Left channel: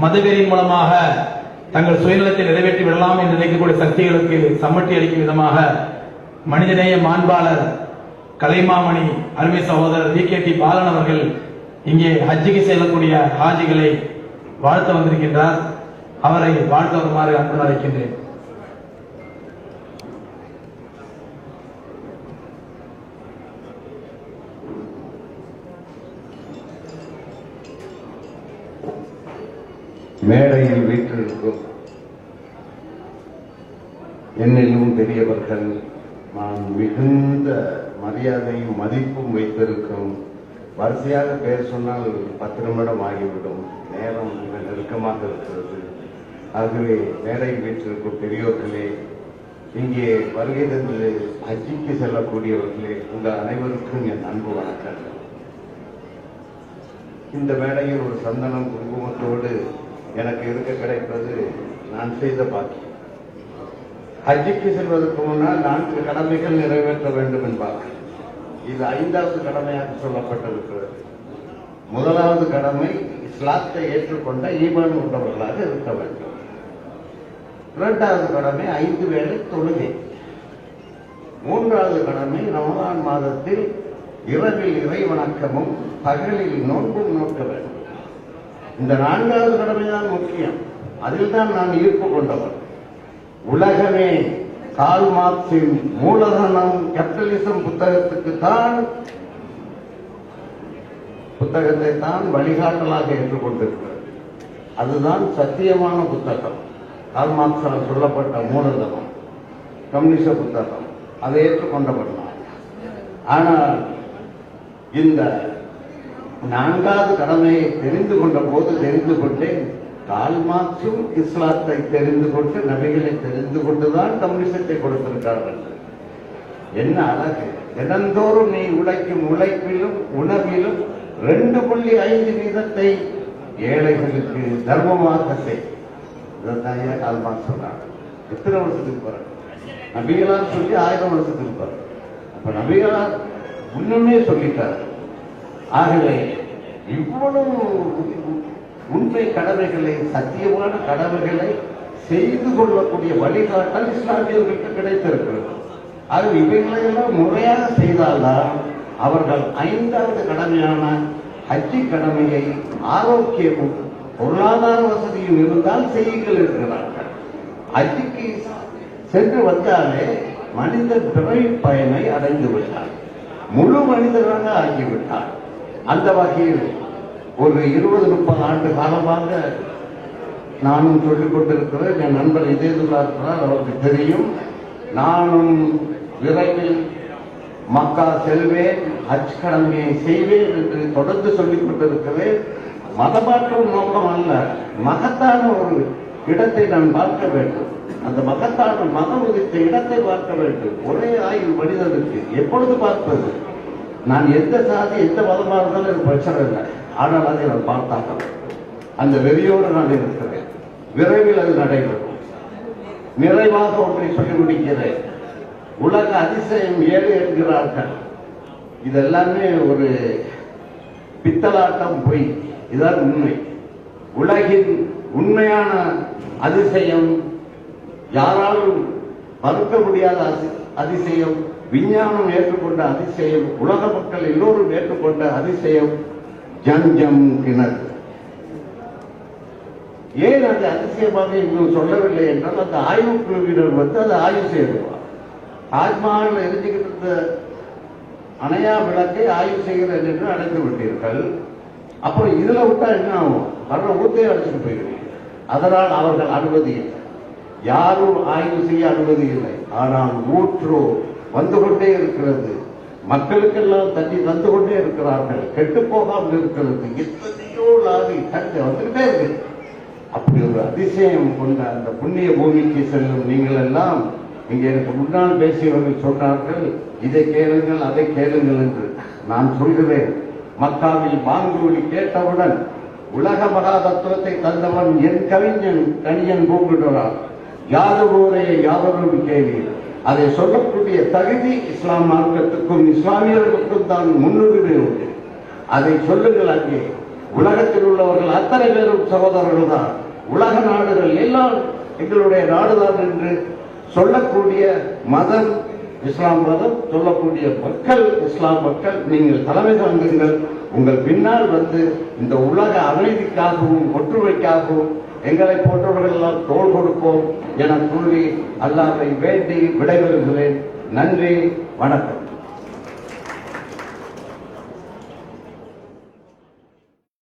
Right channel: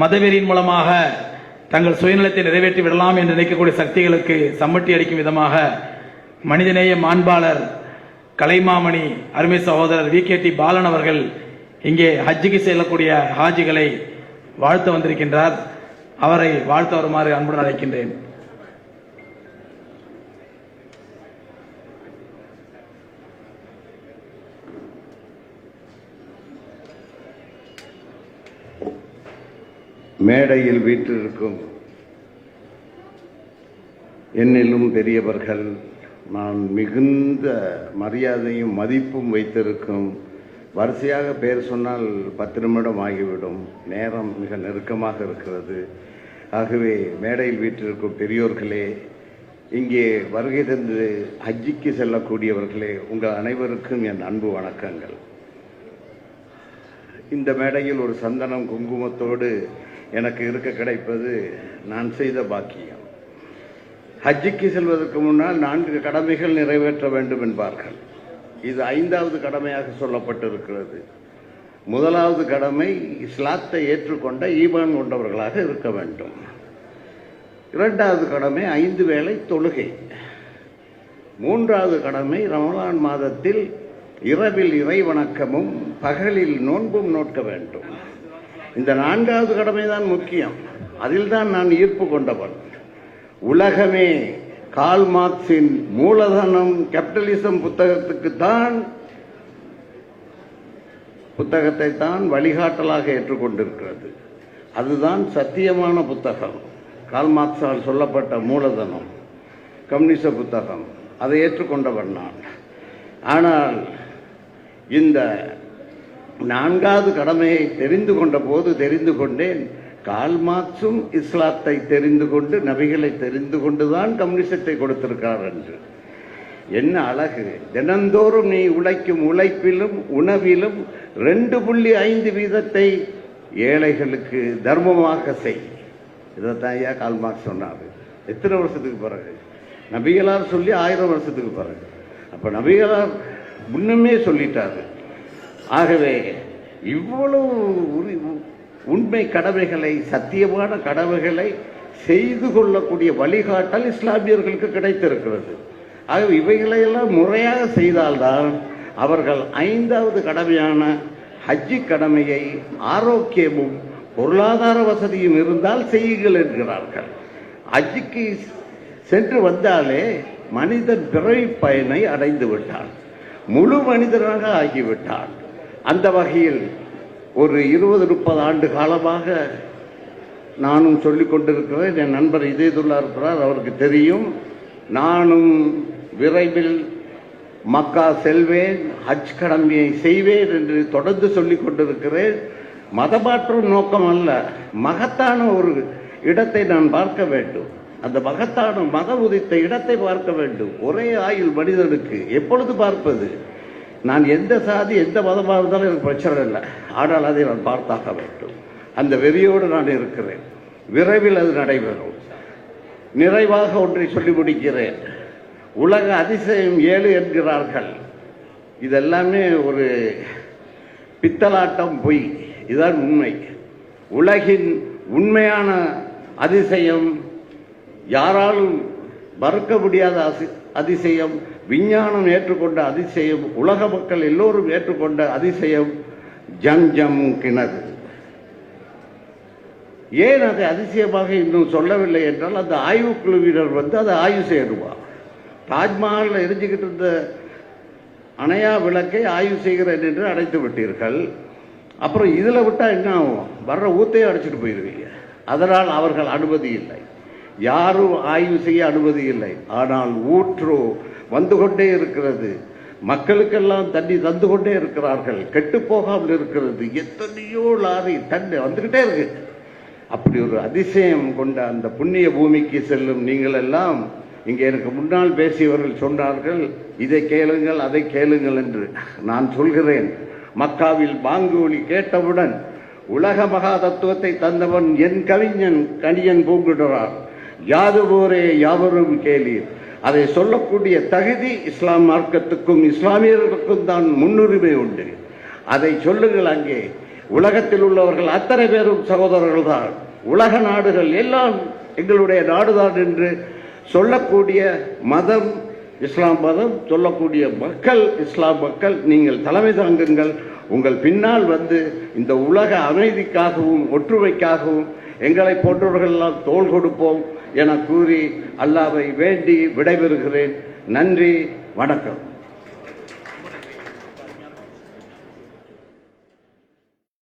மதவெறியின் மூலமாக தங்கள் சுயநலத்தை நிறைவேற்றி விடலாம் என்று நினைக்கக்கூடிய சக்திகளுக்கு சம்மட்டி அளிக்கும் விதமாக மனிதநேய மாண்பாளர் கலைமாமணி அருமை சகோதரர் வி. கே. டி. பாலன் அவர்கள் இங்கே ஹஜ்ஜுக்கு செல்லக்கூடிய ஹாஜிகளை வாழ்த்த வந்திருக்கின்றார். அவரை வாழ்த்து வருமாறு அன்புடன் அழைக்கின்றேன். மேடையில் வீற்றிருக்கும் என்னிலும் பெரியவர்கள் நான் மிகுந்த மரியாதையும் மதிப்பும் வைத்திருக்கும். வரிசையாக பேர் சொன்னால் பத்து நிமிடம் ஆகிவிடும். நேரம் மிக நெருக்கமாக இருக்கிறது. ஆகவே மேடையில் வீற்றிருக்கும் பெரியோர்களே இங்கே வருகை தந்து ஹஜ்ஜிக்கு செல்லக்கூடியவர்களே உங்கள் அனைவருக்கும் என் அன்பு வணக்கங்கள். இந்த மேடையில் ஒரு சந்தனம் குங்குமத்தோடு எனக்கு இருக்க கிடைப்பது? நான் செய்த பாக்கியம். ஹஜ்ஜிக்கு செல்வதற்கு முன்னால் நான்கு கடமைகள் நிறைவேற்ற வேண்டும் என்பார்கள். இது ஐந்தாவது கடமையாக சொல்லப்பட்டிருக்கிறது. முதலாவது கடமை இஸ்லாத்தை ஏற்றுக்கொண்ட ஈமான் கொண்டவர்களாக இருக்க வேண்டும். இரண்டாவது கடமை ஐந்து வேளை தொழுகை. மூன்றாவது கடமை ரமலான் மாதத்தில் இரவில் இறை வணக்கமும் பகலில் நோன்பும் நோக்க வேண்டும். இந்த நான்காவது கடமை தான் முக்கியம். அதில் தான் நான் ஈர்ப்பு கொண்டவன். உலகமே கால் மார்க்சின் மூலதனம் கேபிட்டலிசம் புத்தகத்துக்கு தான் புத்தகத்தை தான் வழிகாட்டலாக ஏற்றுக்கொண்டிருக்கிறது. அதுதான் சத்தியமான புத்தகம். கால் மார்க்சால் சொல்லப்பட்ட மூலதனம் கம்யூனிச புத்தகம். அதை ஏற்றுக்கொண்டவன் நான். ஆனால் இந்த நான்காவது கடமையை தெரிந்து கொண்ட போது தெரிந்து கொண்டேன். கால்மார்க்சும் இஸ்லாத்தை தெரிந்து கொண்டு நபிகளை தெரிந்து கொண்டுதான் கம்யூனிசத்தை கொடுத்திருக்கிறார் என்று. என்ன அழகு. தினந்தோறும் நீ உழைக்கும் உழைப்பிலும் உணவிலும் ரெண்டு புள்ளி ஐந்து வீதத்தை ஏழைகளுக்கு தர்மமாக செய். இதைத்தான் ஐயா கால் சொன்னார். எத்தனை வருஷத்துக்கு பிறகு? நபிகளார் சொல்லி ஆயிரம் வருஷத்துக்கு பிறகு. அப்ப நபிகளார் முன்னமே சொல்லிட்டாரு. ஆகவே இவ்வளவு உண்மை கடமைகளை சத்தியமான கடமைகளை செய்து கொள்ளக்கூடிய வழிகாட்டல் இஸ்லாமியர்களுக்கு கிடைத்திருக்கிறது. ஆகவே இவைகளையெல்லாம் முறையாக செய்தால்தான் அவர்கள் ஐந்தாவது கடமையான ஹஜ்ஜி கடமையை ஆரோக்கியமும் பொருளாதார வசதியும் இருந்தால் செய்யுங்கள் என்கிறார்கள். ஹஜ்ஜிக்கு சென்று வந்தாலே மனிதர் பிறவி பயனை அடைந்து விட்டார். முழு மனிதராக ஆகிவிட்டார். அந்த வகையில் ஒரு இருபது முப்பது ஆண்டு காலமாக நானும் சொல்லிக் கொண்டிருக்கிறேன். என் நண்பர் இதேதுல்லா இருக்கிறார் அவருக்கு தெரியும். நானும் விரைவில் மக்கா செல்வேன் ஹஜ் கடமையை செய்வேன் என்று தொடர்ந்து சொல்லிக் கொண்டிருக்கிறேன். மதமாற்றும் நோக்கம் அல்ல மகத்தான ஒரு இடத்தை நான் பார்க்க வேண்டும். அந்த மகத்தான மதம் உதித்த இடத்தை பார்க்க வேண்டும். ஒரே ஆயுள் மனிதனுக்கு எப்பொழுது பார்ப்பது? நான் எந்த சாதி எந்த மதமாக இருந்தாலும் எனக்கு பிரச்சனை இல்லை. ஆனால் அதை நான் பார்த்தாக வேண்டும். அந்த வெறியோடு நான் இருக்கிறேன். விரைவில் அது நடைபெறும். நிறைவாக ஒன்றை சொல்லி முடிக்கிறேன். உலக அதிசயம் ஏழு என்கிறார்கள். இதெல்லாமே ஒரு பித்தலாட்டம் பொய். இதான் உண்மை. உலகின் உண்மையான அதிசயம் யாராலும் மறுக்க முடியாத அசி- அதிசயம் விஞ்ஞானம் ஏற்றுக்கொண்ட அதிசயம் உலக மக்கள் எல்லோரும் ஏற்றுக்கொண்ட அதிசயம் ஜம் கிணறு. ஏன் அது அதிசயமாக இன்னும் சொல்லவில்லை என்றால் அந்த ஆய்வு குழுவினர் வந்து அதை ஆய்வு செய்துவார். தாஜ்மஹாலில் எரிஞ்சுக்கிட்டு இருந்த அணையா விளக்கை ஆய்வு செய்கிறேன் என்று அழைத்து விட்டீர்கள். அப்புறம் இதில் விட்டால் என்ன ஆகும்? வர்ற ஊத்தையும் அடிச்சுட்டு போயிருவீங்க அதனால் அவர்கள் அனுமதி இல்லை. யாரும் ஆய்வு செய்ய அனுமதி இல்லை. ஆனால் ஊற்று வந்து கொண்டே இருக்கிறது. மக்களுக்கெல்லாம் தண்ணி தந்து கொண்டே இருக்கிறார்கள். கெட்டு போகாமல் இருக்கிறது. எத்தனையோ லாரி தண்ணி வந்துகிட்டே இருக்கு. அப்படி ஒரு அதிசயம் கொண்ட அந்த புண்ணிய பூமிக்கு செல்லும் நீங்கள் எல்லாம் இங்கே எனக்கு முன்னால் பேசியவர்கள் சொன்னார்கள் இதை கேளுங்கள் அதை கேளுங்கள் என்று. நான் சொல்கிறேன். மக்காவில் பாங்கோலி கேட்டவுடன் உலக மகா தத்துவத்தை தந்தவன் என் கவிஞன் கணியன் பூங்குடுறான் யாதவோரே யாவரும் கேளீர். அதை சொல்லக்கூடிய தகுதி இஸ்லாம் மார்க்கத்துக்கும் இஸ்லாமியர்களுக்கும் தான் முன்னுரிமை உண்டு. அதை சொல்லுங்களாக்கி உலகத்தில் உள்ளவர்கள் அத்தனை பேரும் சகோதரர்கள் தான். உலக நாடுகள் எல்லாம் எங்களுடைய நாடுதான் என்று சொல்லக்கூடிய மதம் இஸ்லாம் மதம் சொல்லக்கூடிய மக்கள் இஸ்லாம் மக்கள். நீங்கள் தலைமை தாங்குங்கள். உங்கள் பின்னால் வந்து இந்த உலக அமைதிக்காகவும் ஒற்றுமைக்காகவும் எங்களை போன்றவர்கள் எல்லாம் தோல் கொடுப்போம். என கூறி அல்லாவை வேண்டி விடைபெறுகிறேன். நன்றி வணக்கம்.